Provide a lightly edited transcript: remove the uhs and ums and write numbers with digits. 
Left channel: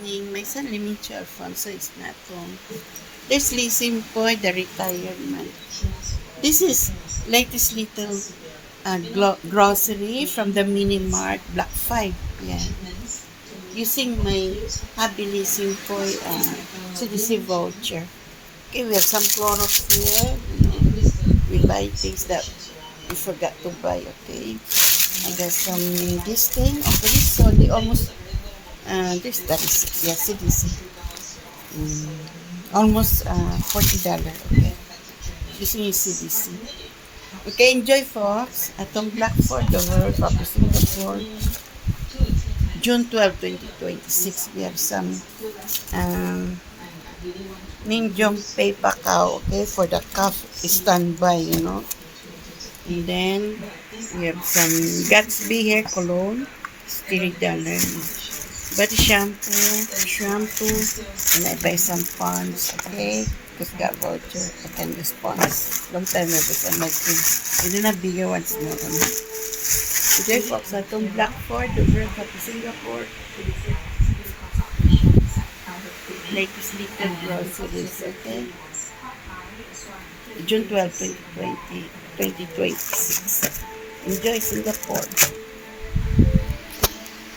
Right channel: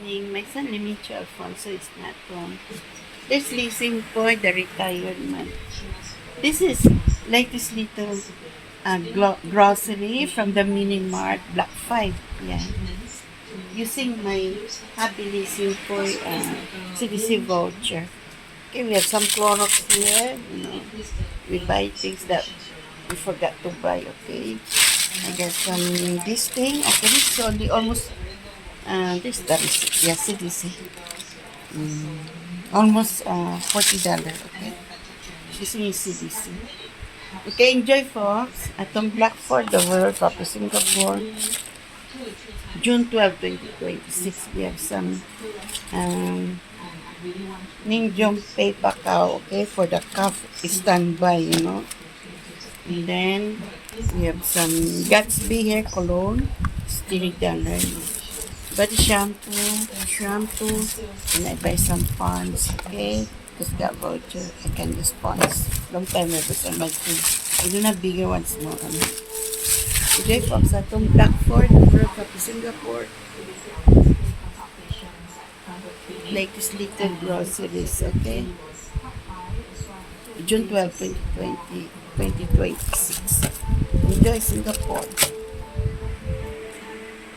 evening. My son Limicho Alfonso is not home. There's leasing for the retirement. This is latest little grocery from the Mini Mart Black 5. Yeah. Using my hobby leasing for CDC voucher. Okay, we have some Clorox here. We buy things that we forgot to buy. Okay. I got some this thing. Okay, this is only almost this that is yeah CDC. Almost $40. Okay, using yung CDC. Okay, enjoy folks. Atong Blackford, the World Cup of Singapore, June 12, 2026. We have some Ninjong Pay Pacao, okay, for the cup standby. And then we have some Gatsby hair cologne, $30. Body shampoo, and I buy some ponds, okay? Because got voucher, I can use ponds. Long time ago sa my team. Ito na bigger ones mo. Today, folks, atong Blackford, the World Cup of Singapore. Latest little groceries, okay? June 12, 2026. Enjoy Singapore.